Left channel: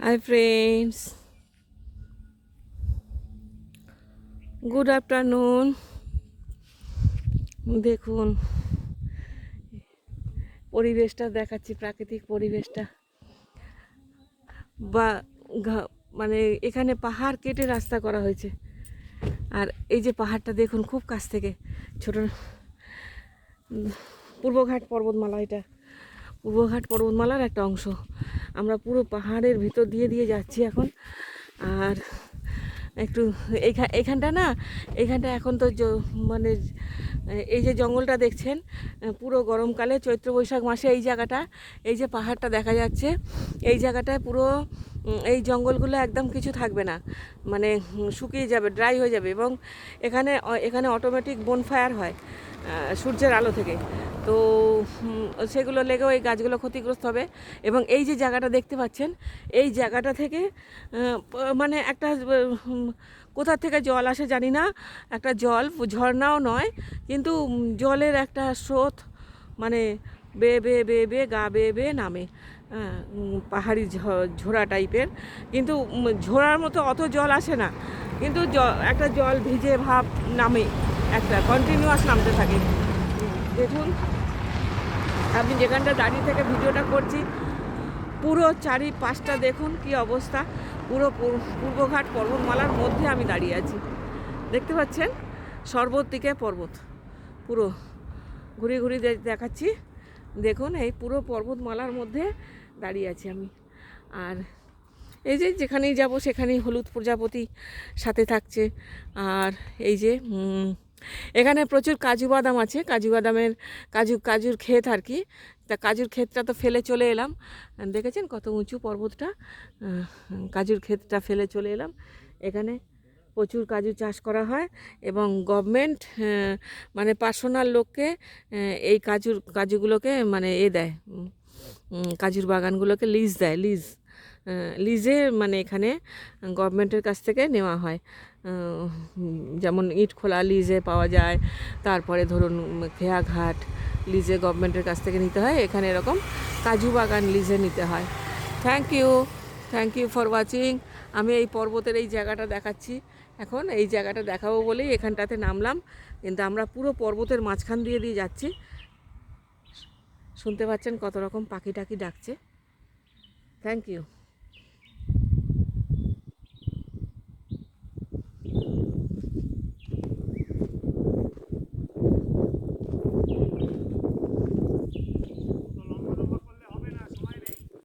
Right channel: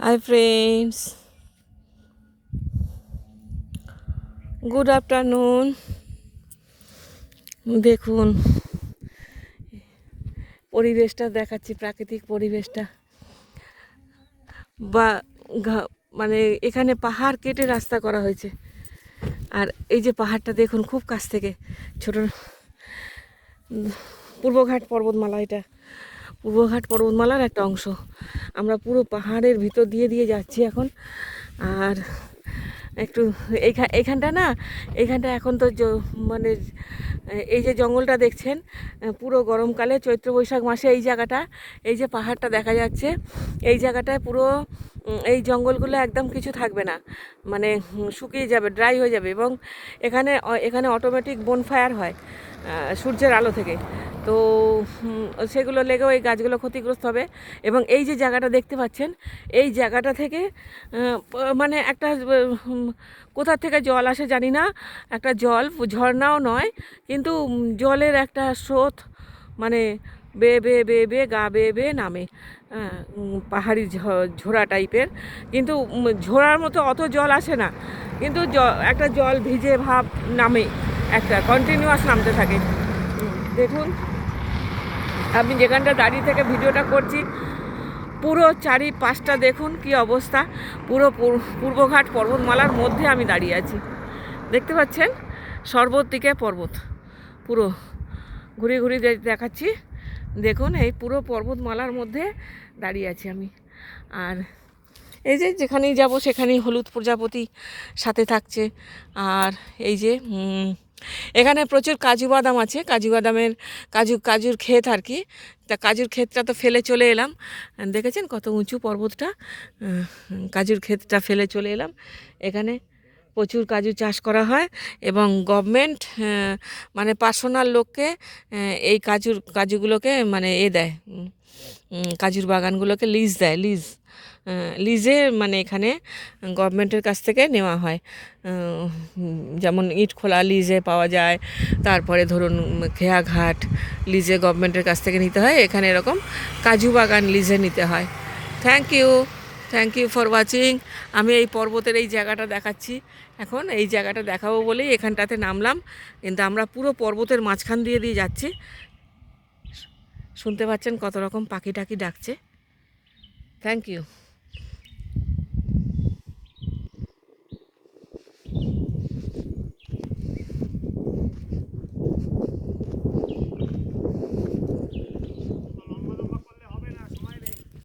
Hi friends good afternoon দেখুন, পরিবেশটা দেখাচ্ছি, প্রাকৃতিক পরিবেশটা। বা মানে এখানে পাহাড় কেটে রাস্তা করা হয়েছে। আর এই যে পাহাড়টা দেখুন, খুব কাছ থেকে। ছোট পূর্বঘাট পর্বতমালা এটা। পূর্বঘাট পর্বতমালার একটা অংশ। আমরা পুরো পাহাড়ের ভিতর দিয়ে দিয়ে যাচ্ছি এখন। আর একটু এইখানটা না এইখানটা এখন তো মানে এই যে জঙ্গলটা দেখছেন, পুরো গরমকালে চৈত্র বৈশাখ মাসে এই জায়গাটা, এই যে পাহাড়টা দেখা যাচ্ছে, এই জায়গাটায় পুরো এই জঙ্গলগুলো একদম কিছু থাকবে না। মানে শুকিয়ে যাবে ড্রাই হয়ে যাবে এবং এখানে এখানে অটোমেটিক বনফায়ার হয় সূর্যের আলো থেকে। তো সেগুলো লেগেও এই গাছগুলো ক্ষতিগ্রস্ত হবে। এবং এই যে জায়গাটা দেখতে পাচ্ছেন, এই জায়গাটা থেকে মানে একটা কোথা থেকে জল আসে জানি না, একটা জল, ঝর্ণাও নয়, কিন্তু জলের একটা স্রোত মানে বেয়ে বেয়ে বেয়ে বেয়ে গা বেয়ে বেয়ে নামে পাহাড়ি ঝোড়া টাইপের। কিন্তু ঝোড়ার মতো অত জল আসে না, কিন্তু একটা জল ভিজে ভাব নামে একটা কন্টিনিউয়াস নামতে থাকে। দেখুন। আমি যেখানটা দাঁড়িয়ে থেকে ভিডিওটা করছি, পুরো চারি পাঁচটা দেখুন কি অবস্থা। পুরো পূর- পূর্বঘাট পর্বতমালার মধ্যে আমি দাঁড়িয়ে আছি। দেখতে পাচ্ছেন? সর্বত দিকে পর্বত। পুরো ঘুরে ঘুরে দেখাচ্ছি। দেখুন, এই পুরো পর্বতমালার মধ্যে দাঁড়িয়ে আছি আমি। আর এই যে যেখানেই যাব, সেখানেই হলুদ প্রজাপতি সাথে থাকছে। আর এই যে এখানে প্রচুর কাজু বাদাম আছে, কাজু বাদামের কাজু, কাজুর ক্ষেত আর কি। তা কাজুর ক্ষেতটা তো ফেলে চলে এলাম। দেখেছেন কত উঁচু পর্বতটা? কাজুর ক্ষেতটা ফেলে চলে এলাম। এখানে প্রচুর কাজু চাষ করা হয় এবং গভর্নমেন্ট মানে পার্সোনাল লোককে এই কাজুর, কাজুগুলোকে মানে এ দেয়। কাজুর বাগানগুলোকে লিজ দেয় লিজ লিজে মানে এখানে গভর্নমেন্টের কাছ থেকে নেওয়া হয়। যেমন ইট খোলা লিজে পাওয়া যায়, তারপরে ধরুন খেয়াঘাট লিজে গভর্নমেন্টের কাছ থেকে নিতে হয়। এখানে এরকম কাজু বাগান লিজে নিতে হয়। Thank you thank you for watching আমি এই পর্বতের এই জায়গাটা দেখাচ্ছি। এখন এই জায়গাটা দেখাবো বলেই এখানটাতে নামলাম। কিন্তু আমরা পুরো পর্বতের মাঝখান দিয়ে দিয়ে যাচ্ছি। শুনতে পাচ্ছেন কত রকম পাখি টাকি ডাকছে। Thank you